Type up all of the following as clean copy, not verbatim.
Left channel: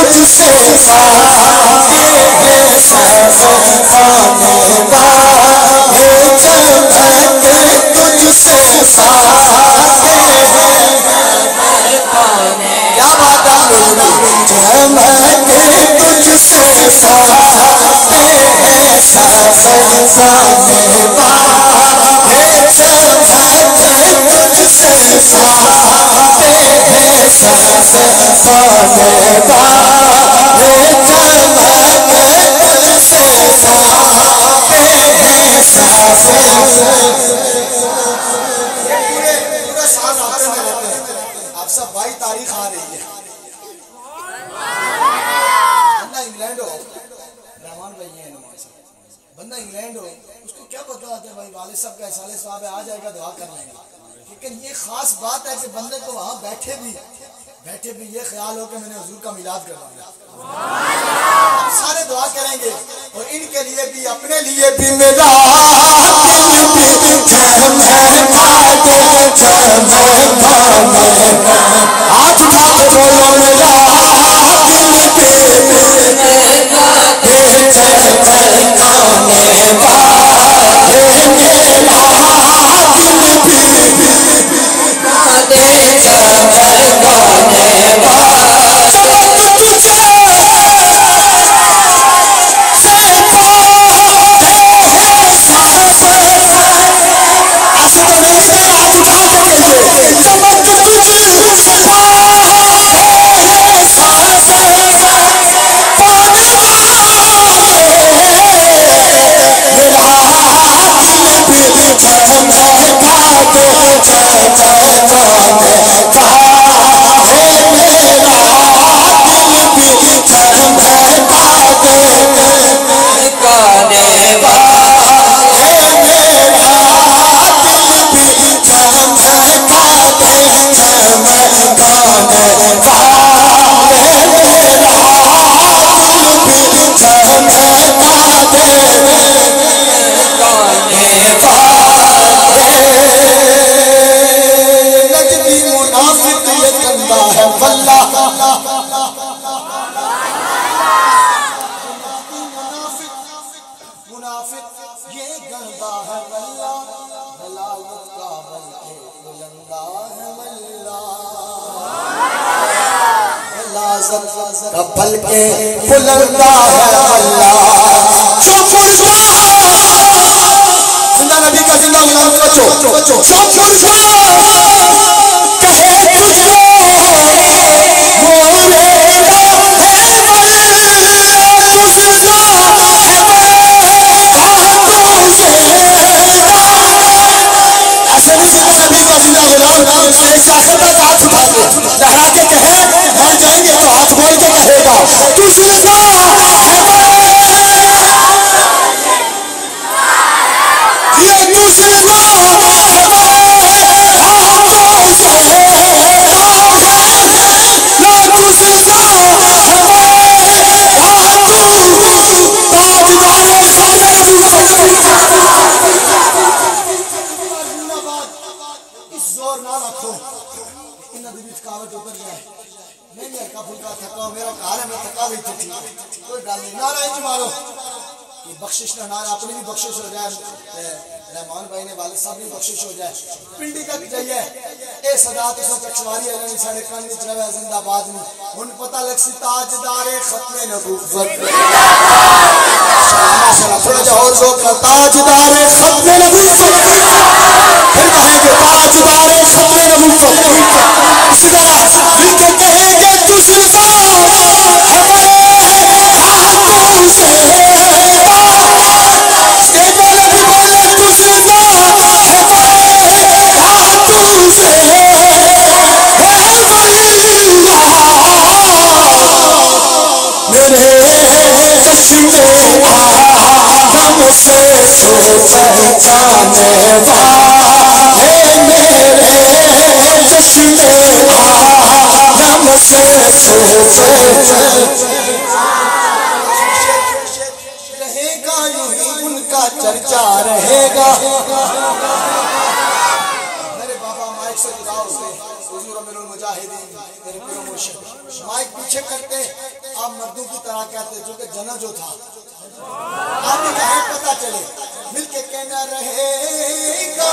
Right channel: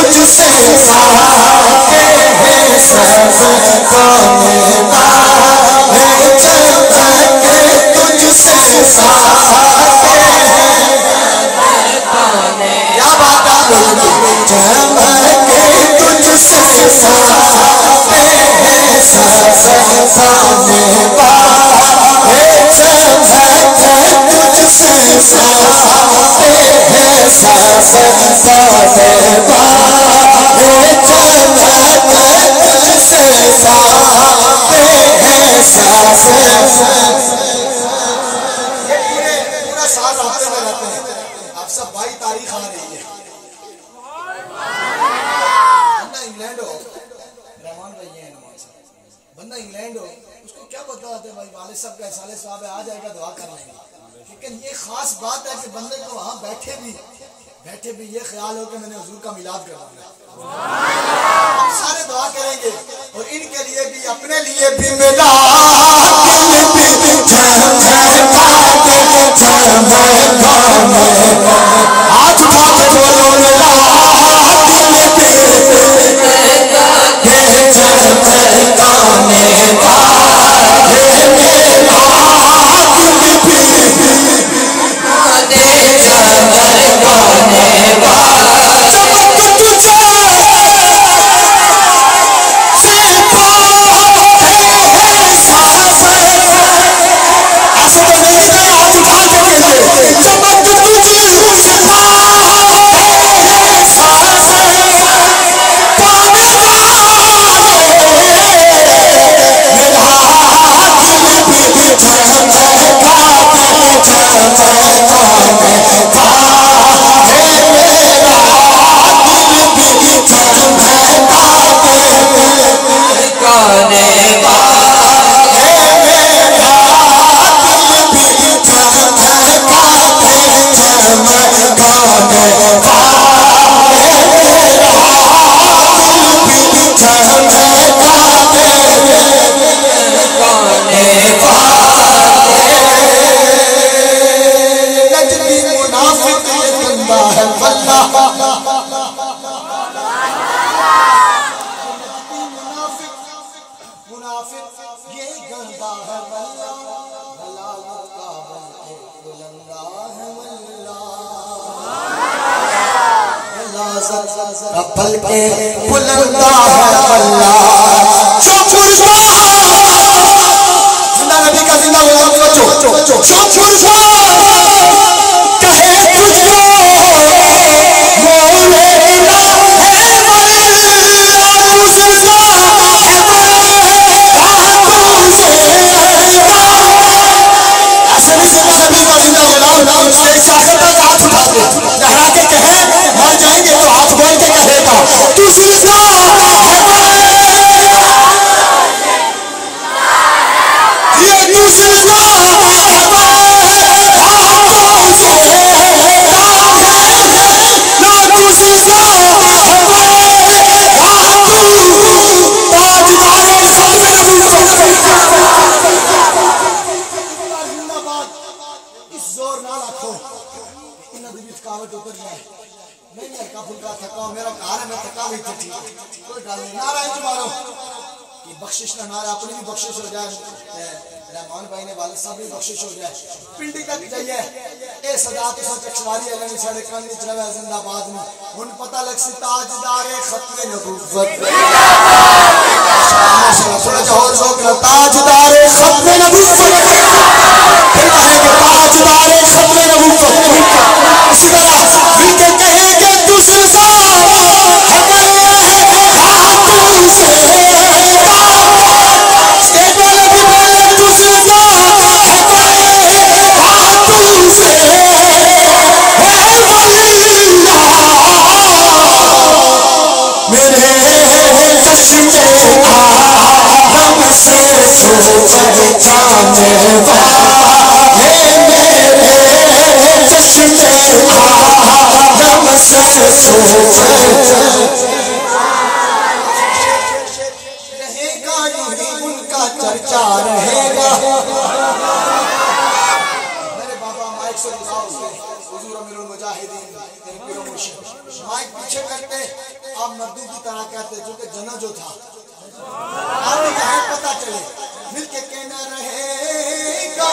تجھ سے ساتے ہیں سزانے والے چمک تجھ سے ساتے ہیں کیا بات ہے چمک تجھ سے ساتے ہیں سزانے والے چمک تجھ سے ساتے ہیں سزانے والے چمک تجھ سے ساتے ہیں پورا سال راستے میں رہتے ہیں آپ سب 22 تاریخ آ رہی ہے بندہ انگلینڈ ہو رحمان بھائی ہیں بندہ انگلینڈ ہو اس کو کیا پتا ہوتا ہے بھائی والد صاحب کا سالے صاحب ہے آ جائے گا دعا کر لیں گے لیکن یہ خاص بات ہے کہ بندے کو وہاں بیٹھے بھی یہ خیال ہو کہ میں نے حضور کا میلاد کرنا ہے سارے دعا کریں گے اور ان کے لیے بھی اپنے لیے بھی رحمان بھائی نے والد صاحب بھی بخشش ہو جائے پنڈی کا جائیے اے صدا تو سچ چکشواری ہے ساڑھے کان وچ رہے زندہ آباد میں ہن پتہ لگ سی تاجدار ختم نبوت تاجدار ختم نبوت پھر کہیں گے تاجدار ختم نبوت اسی طرح پھر کے کہیں گے دوسری سال ہمارے سے رہے گا ان کا چرچا رہے گا میرے بابا مائک سے حضور امیر المجاہدین مائک پیچھے کرتے آپ مردوں کی طرح کہتے چونکہ جنت جو تھا آپ ہی کہیں پتہ چلے مل کے کہنا رہے گا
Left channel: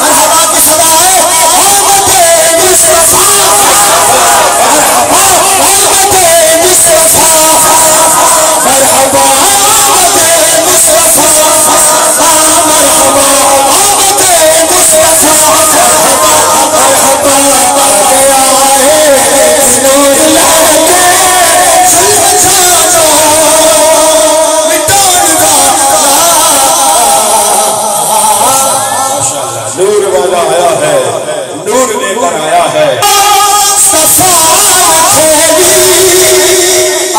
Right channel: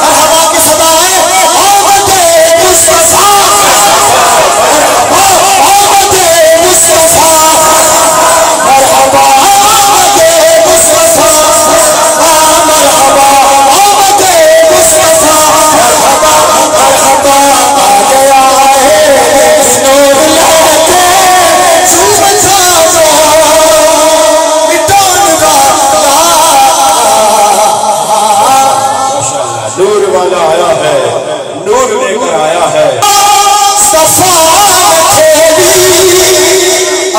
مرحبا کی صدا والا آیا ہے، نور لے کر آیا ہے۔ صفا کھولی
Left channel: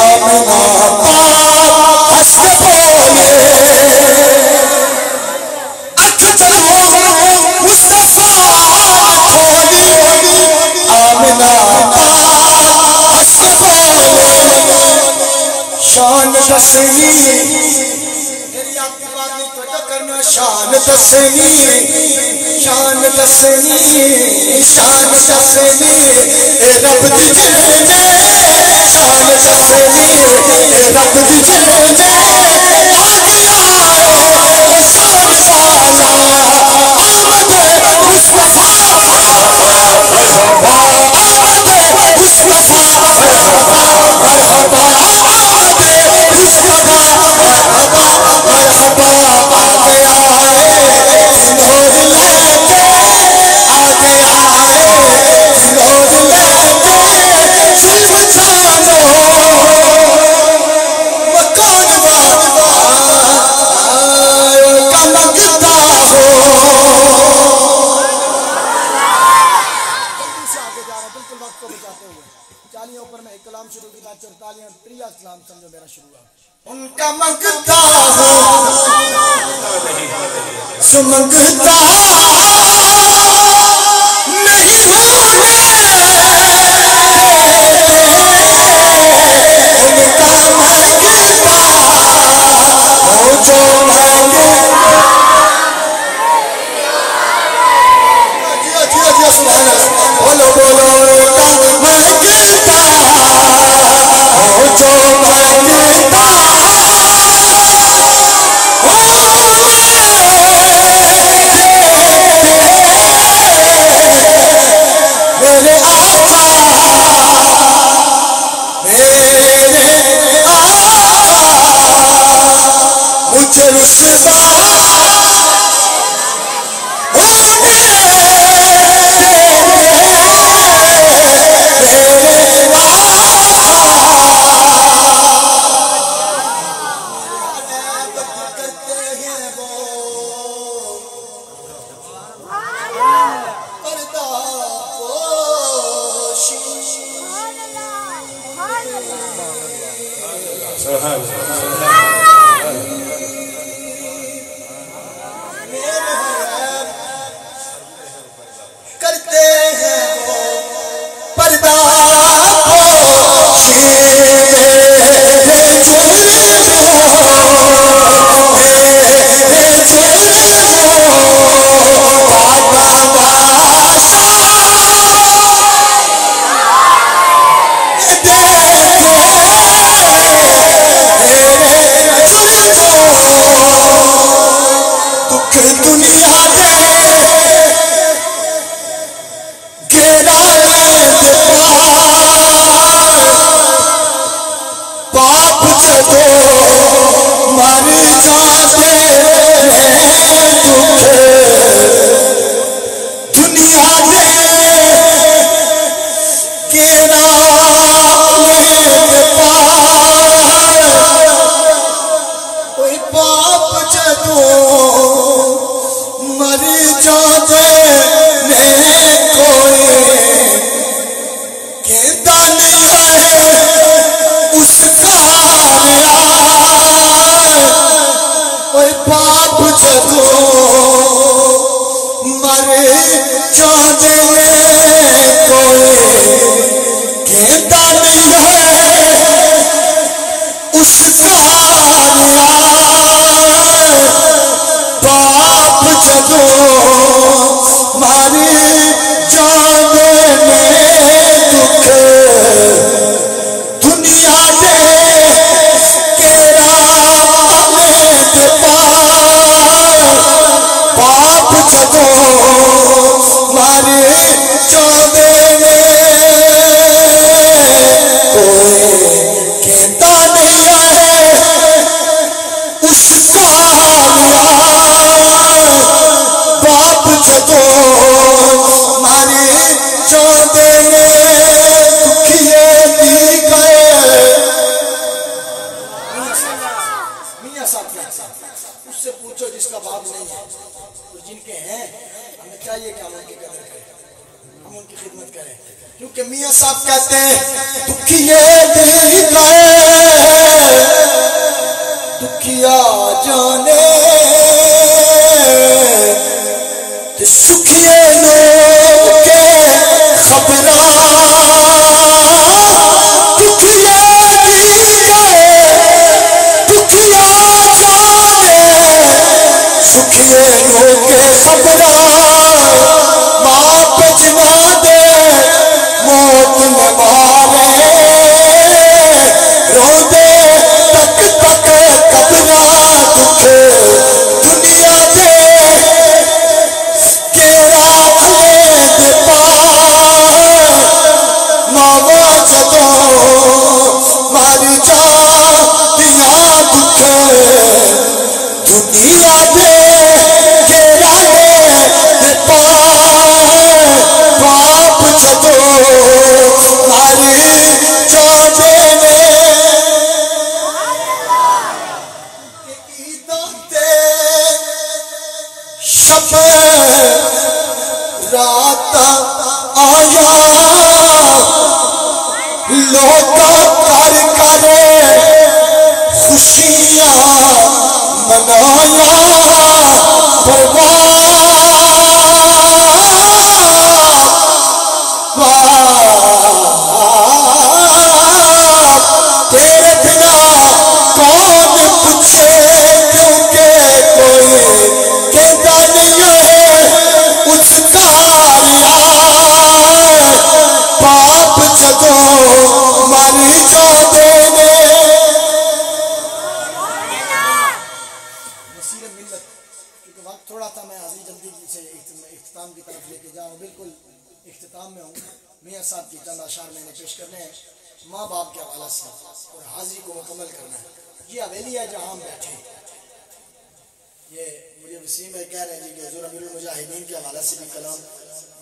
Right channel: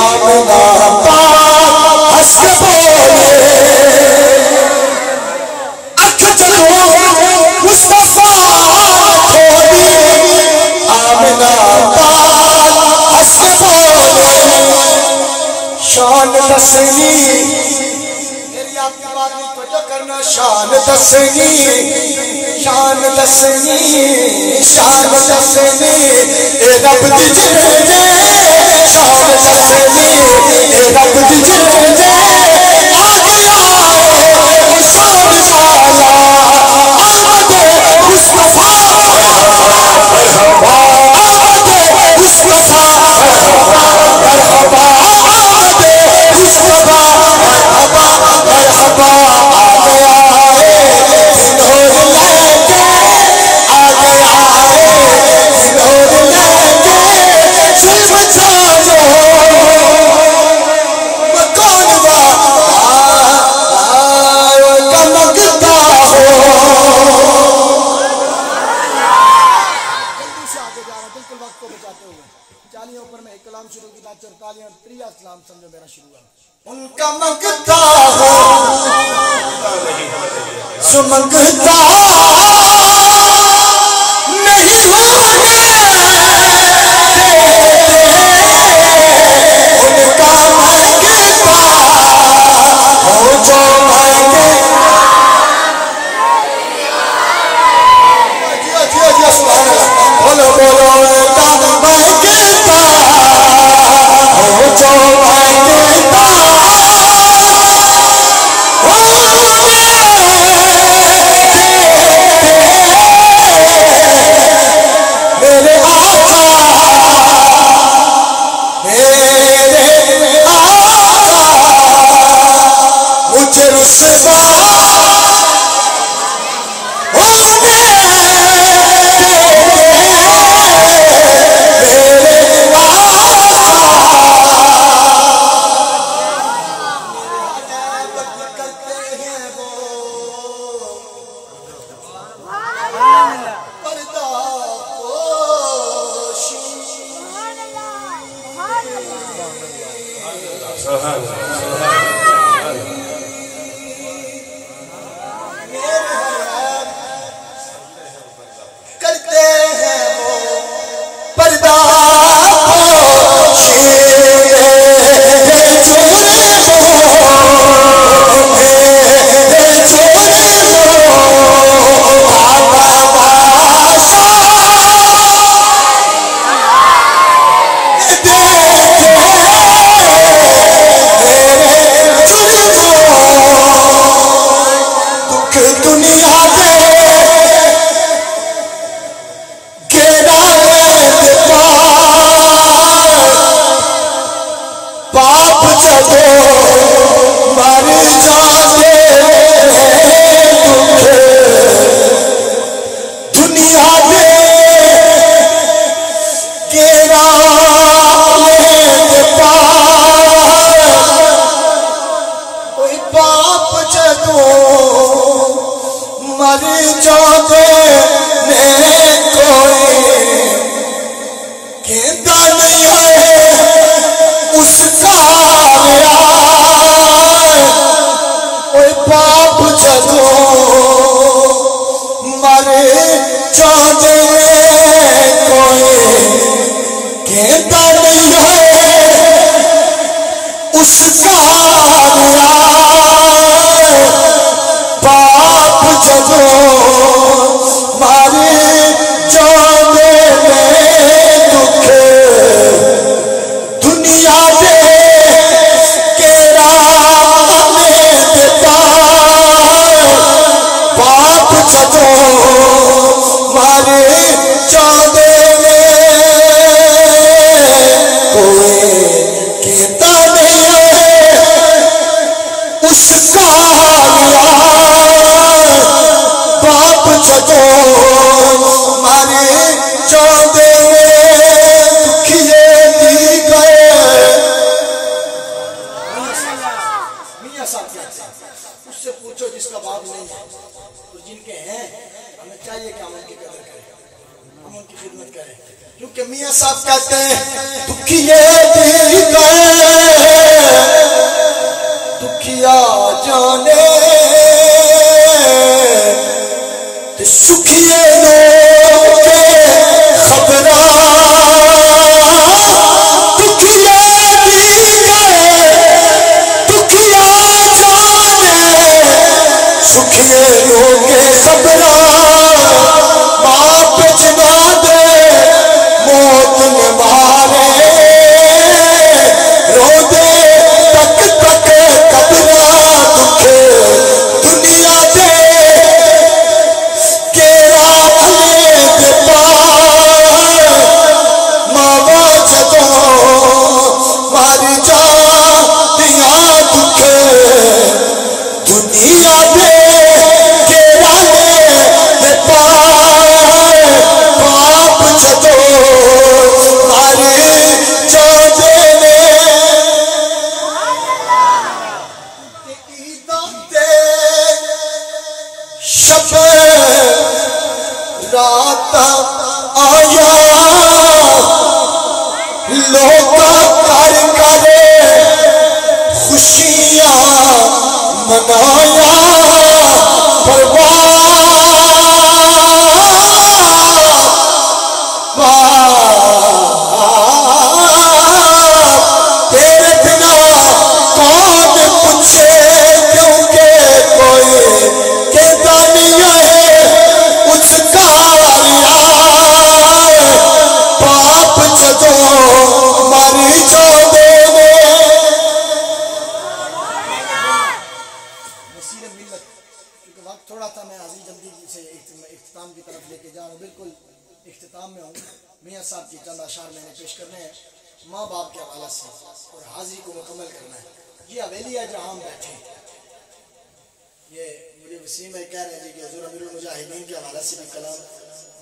آمنہ پاک ہنس کے بولے، اکھ چلو مصطفیٰ کھولی آمنہ پاک ہنس کے بولے، شان دسنی شان دسنی شان دسنی شان دسنی اے رب دی جلدے، شان دسنی اے رب دی جلدے، آ گیا اے شان والا آمد مصطفیٰ، مرحبا آمد مصطفیٰ، مرحبا مرحبا آمد مصطفیٰ، مرحبا مرحبا شروع کی 44 اور 43 اسلام سمجھو میرا شروع ہے۔ ان کا منگتا ہو سو منگتا نہیں ہوں ان کا منگتا ہو جو مانگے، سبحان اللہ، بولو بولو ان کا منگتا جو مانگتا میرے آقا مجھے رسوا کرتے ہیں وہ پردہ مر جاتے ہیں دکھ دنیا دے کیڑا لے پار، کوئی باپ جدوں مر جاتے ہیں کوئی کہندا نہیں ہے اس کا باپ جدوں مر جاندے کوئی کہندا نہیں ہے اس کا باپ جدوں مر جاندے دکھ دنیا دے مر جاندے کوئی کہتا نہیں ہے اس کا باپ جدوں مر جاندے دکھیے دی گئے۔ میاں صاحب اس سے پوچھو جس کا باپ نہیں ہے، جن کے ہیں ہمیں چاہیے کہ ہم ان کی قدر کریں, ہم ان کی خدمت کریں, کیونکہ میاں صاحب کہتے ہیں دکھیے دکھیا جانے سکھیے لوگ کے خبراں دکھیا دکھیا جانے سکھیے لوگ کے خبراں ماں پہ جنا دے موت نے مارے رو دے تک تک قبراں دکھ دنیا دے ماری جا دیا دکھ دنیا دے گیرا دے باپ جدو ماری جا دینے عیدوں تے شب رات آیا لوگ کر کرے خوشیاں منایا تیرے بنا کون پوچھے کیونکہ کوئی کہتا نہیں ہے اس کاریا باپ جدو ماری جو دینے نصیر ملت. کیونکہ وقت تھوڑا تھا, میں حاضری جلدی سے اختتام کی طرف لے کے جا رہا ہوں, بالکل اختتام میں ہوں. میاں صاحب کی چند اشعار میں نے پیش کرنے ہیں ماں باپ کے حوالے سے اور حاضری کو مکمل کرنا ہے. یہ حویلی ہے جہاں ہم بیٹھے, یہ مجھے وسیم ہے کہہ رہے ہیں کہ حضور امیر المجاہدین کے حوالے سے بھی کلام.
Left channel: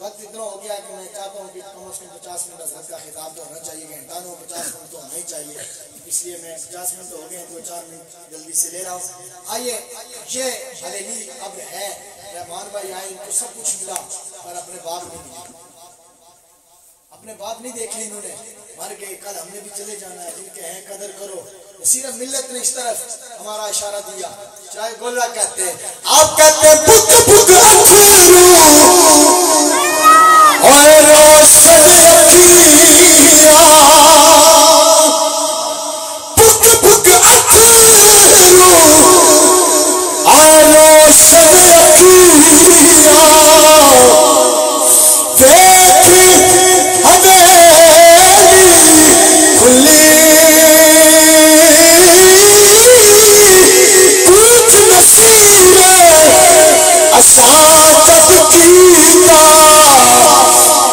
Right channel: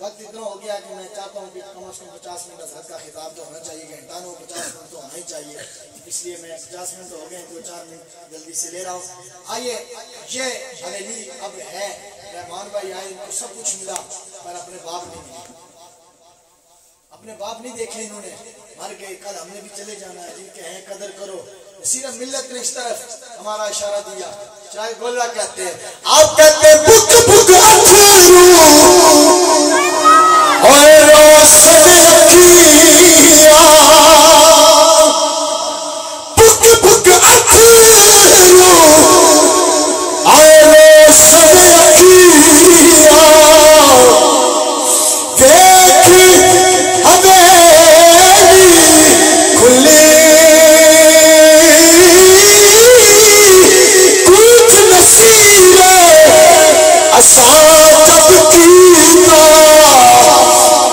وقت اتنا ہو گیا کہ میں چاہتا ہوں کہ کم از کم 50 منٹ حضرت کا خطاب تو ہونا چاہیے, گھنٹہ نو 50 منٹ تو ہونا ہی چاہیے, اس لیے میں 50 منٹ ہو گئے 2-4 منٹ جلدی سے لے رہا ہوں. آئیے, یہ حویلی اب ہے, رحمان بھائی آئے, ان کو سب کچھ ملا پر اپنے باپ نہیں ملے, اپنے باپ نہیں دیکھے انہوں نے, مر گئے, کل ہم نے بھی چلے جانا ہے, جن کے ہیں قدر کرو. سیرت ملت نے اس طرف ہمارا اشارہ دیا, چاہے گولا کہتے ہیں, آپ کہتے ہیں بک بک اچھرو اور روشن کیا بک بک اچھرو اور روشن کیا دیکھ حویلی کھلی کچھ نصیر اساں جب کیتا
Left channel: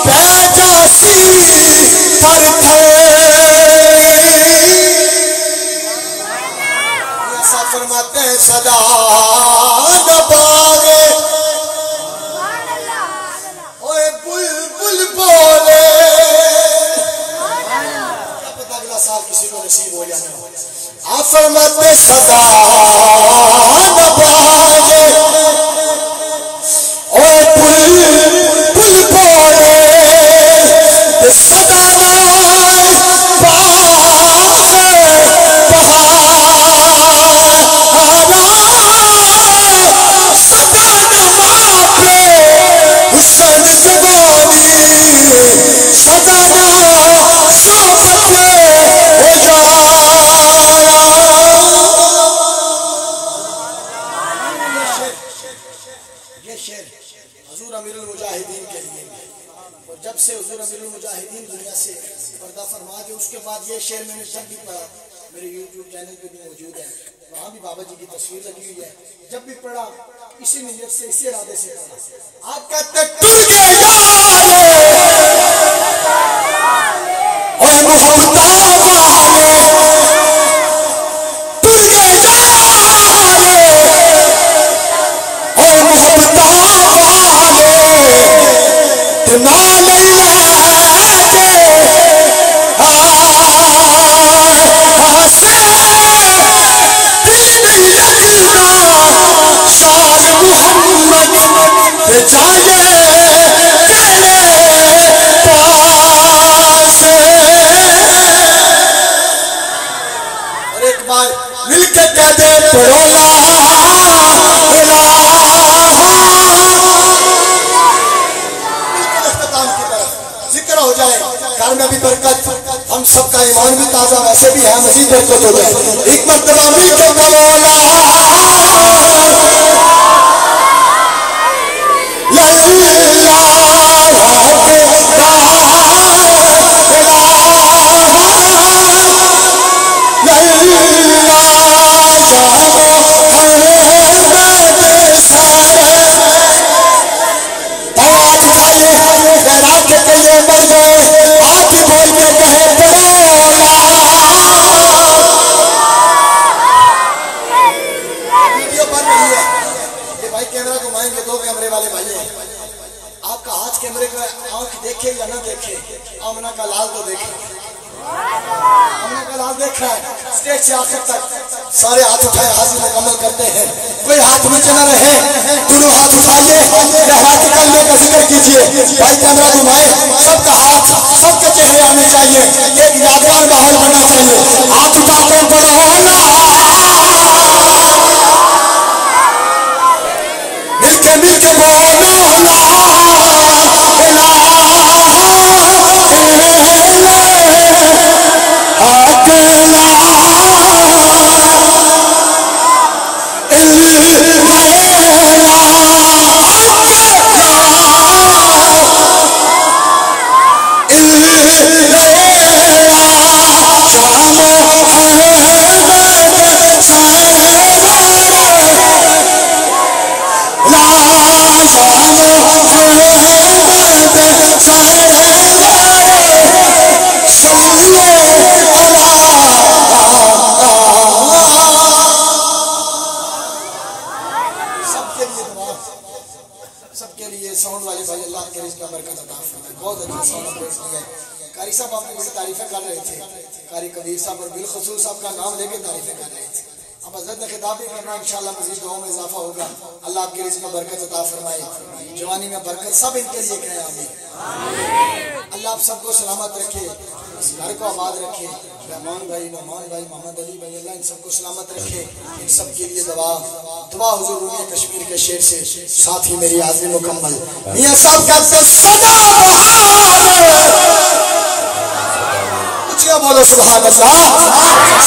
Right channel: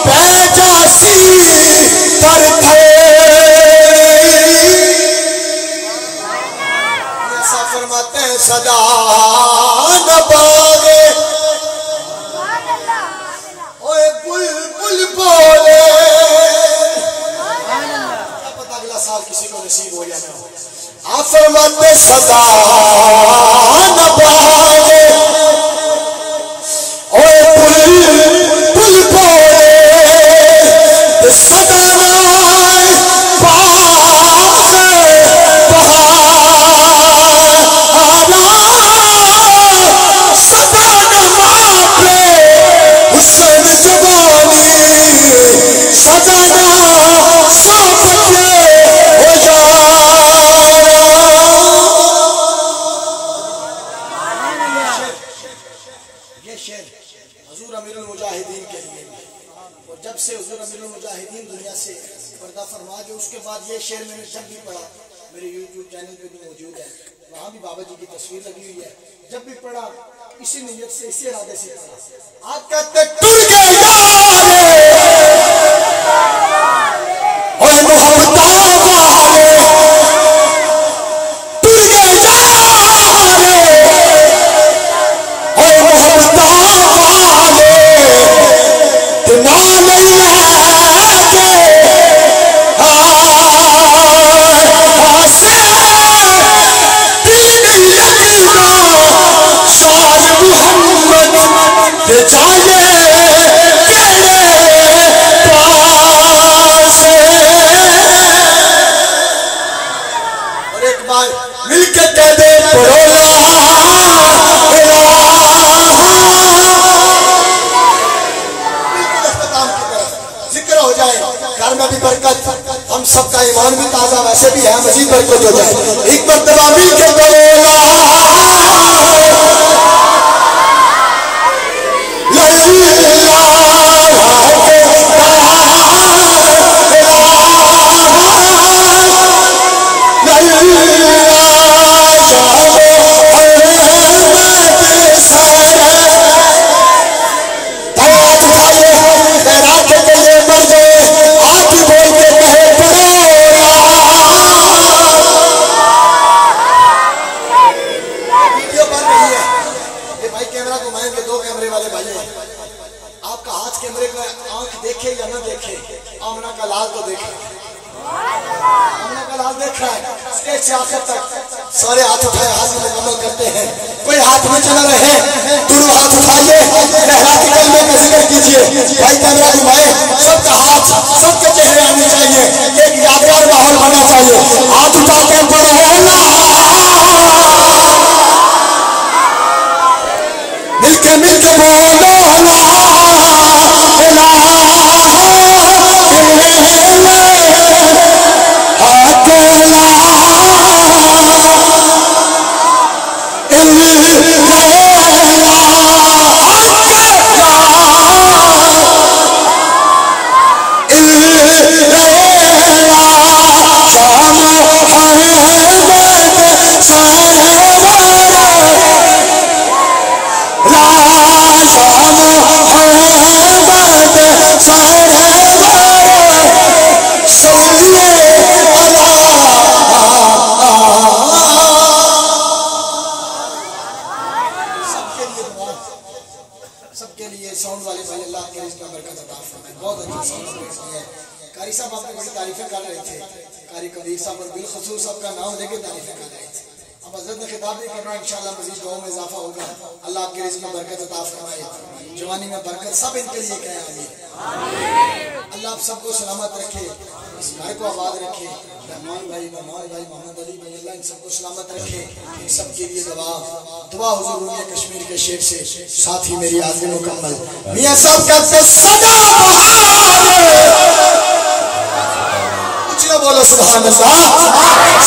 پیجاسی تر تھے ایسا فرماتے ہیں صدا نہ باغے اوے بلبل بولے, کیا پتہ اگلا سال کسی کو نصیب ہو یا نہ ہو. آپ فرماتے صدا نہ باغے اوے بلبل بولے صدا نہ باغے بہارا صدا نہ ماپے حسین زبانی صدا نہ صحبت ہو یہ شعر حضور امیر المجاہدین کے لیے, اور جب سے حضور امیر المجاہدین دنیا سے پردہ فرما جو اس کے بعد یہ شعر میں نے جب بھی پڑھا, میرے یوٹیوب چینل پہ بھی موجود ہے, وہاں بھی بابا جی کی تصویر لگی ہوئی ہے, جب بھی پڑھا اسی نیت سے اسی ارادے سے پڑھا. آج کہتے ٹر گئے یارے اور محبتہ والے ٹر گئے یارے اور محبتہ والے تنا نہیں لے ہاسے دل نہیں لگنا شان محمد کہ جائے کیڑے پاسے. اور ایک بار مل کے کہہ دے پڑھو لا الہ. بالکل اختتام کی طرف ذکر ہو جائے، گھر میں بھی برکت، ہم سب کا ایمان بھی تازہ ویسے بھی ہے، مزید برکت ہو جائے. ایک مرتبہ مل کے پڑھو لا دیکھے یا نہ دیکھے، آمنہ کا لال تو دیکھا، آمنہ کا لال دیکھا ہے. اسٹیج سے آخر تک سارے ہاتھ اٹھائے، حاضری مکمل کرتے ہیں. کوئی ہاتھ نیچے نہ رہے، دونوں ہاتھ اٹھائیے، رحمت کلمے کا ذکر کیجیے. بھائی کیمرہ گھمائے، سب کا ہاتھ سب کے چہرے آنے چاہیے، ایک یادگار ماحول بننا چاہیے. ہاتھ اٹھا کے پڑھو مل کے بولو قاری صاحب آپ نے بڑی تعریفیں کر رہے تھے، قاری قدیر صاحب اور بالخصوص صاحب کا نام لے کے تعریفیں کر رہے تھے. اب حضرت نے خطاب بھی کرنا ہے، انشاءاللہ مزید دعاؤں میں اضافہ ہوگا. اللہ آپ کے رزق میں برکت عطا فرمائے، جوانی میں برکت، سب ان کے لیے کہیں آمین. اللہ آپ سب کو سلامت رکھے، اس گھر کو آباد رکھے. رحمان بھائی، نعمان بھائی، محمد علی بھائی، اللہ ان سب کو سلامت رکھے. ان سب کے لیے دعا حضور رومی کشمیر کے شعر سے. ساتھ ہی میری حاضری مکمل. میاں صاحب کہتے صدا بہار، بولو سبحان اللہ.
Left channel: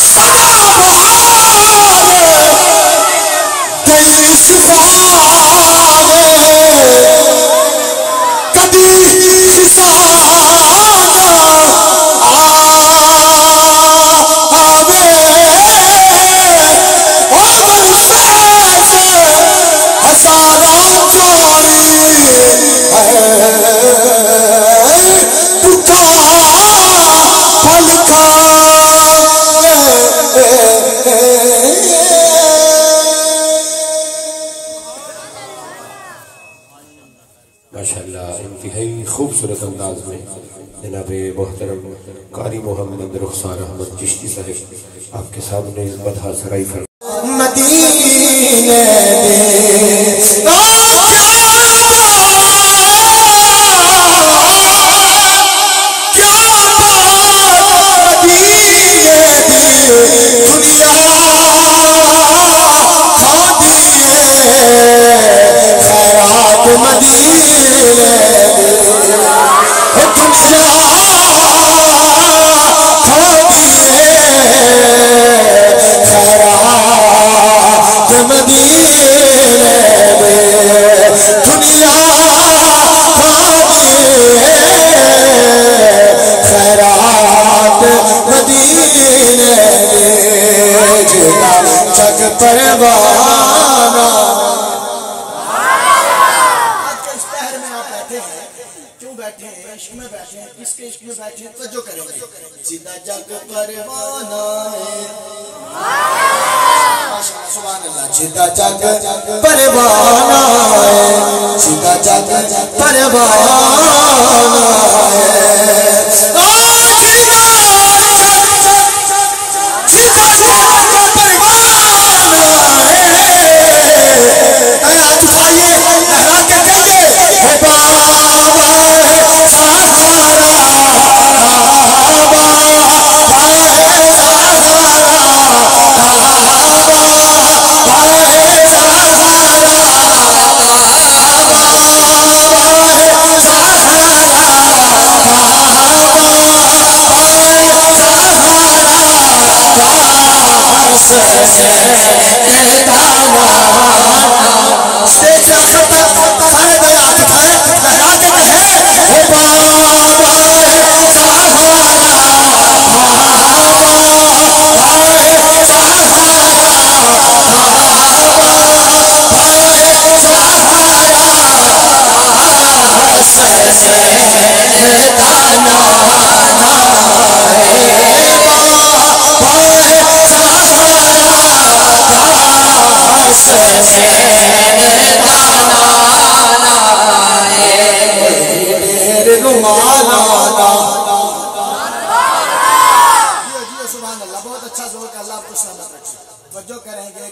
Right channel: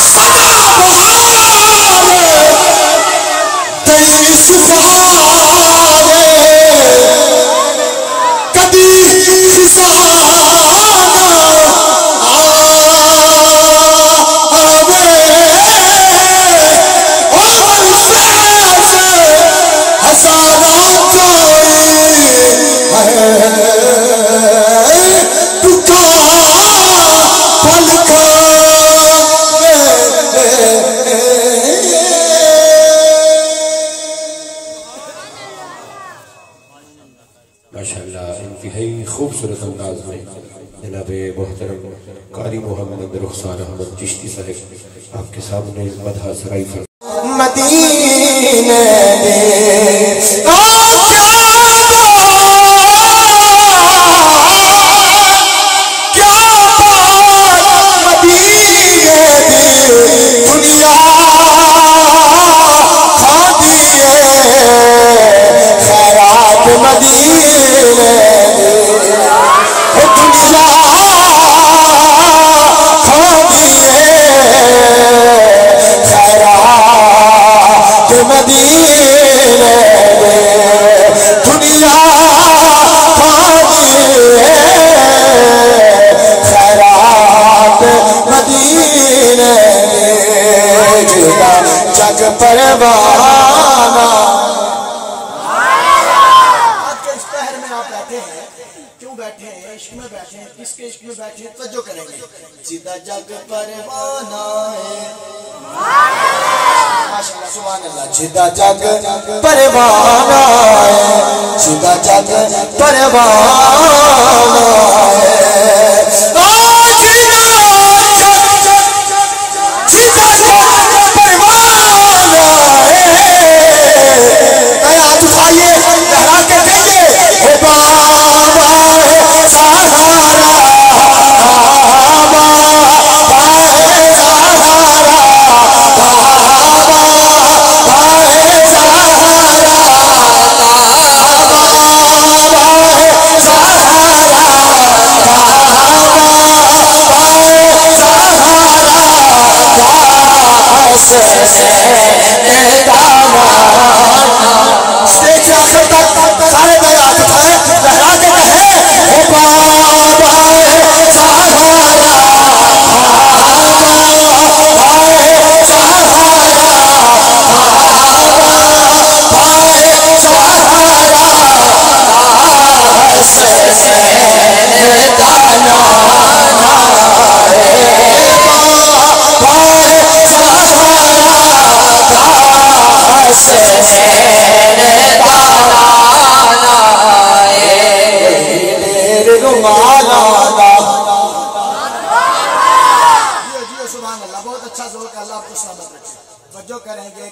صدا بہار دل سفارے کبھی خزانہ آوے عمر شیخ ہزارہ جائی انتہائی خوبصورت انداز میں جناب محترم قاری محمد رخسار احمد چشتی صاحب آپ کے سامنے مدح سرائی فرمائے. مدینے سیدھا جگ پروانہ ہے. سبحان اللہ. سیدھا جگ پروانہ ہے، سیدھا جگ پروانہ ہے. سیدھا جگ پروانہ ہے. ہاتھ اٹھائیے، لہرا کے کہیے اسٹیج سے آخر تک سارے بیات اٹھائے لہرا کے کہے بابا سبحان اللہ، بہت اچھا ذوق ہے، اللہ آپ کو سلامت رکھے۔ توجہ کریں گے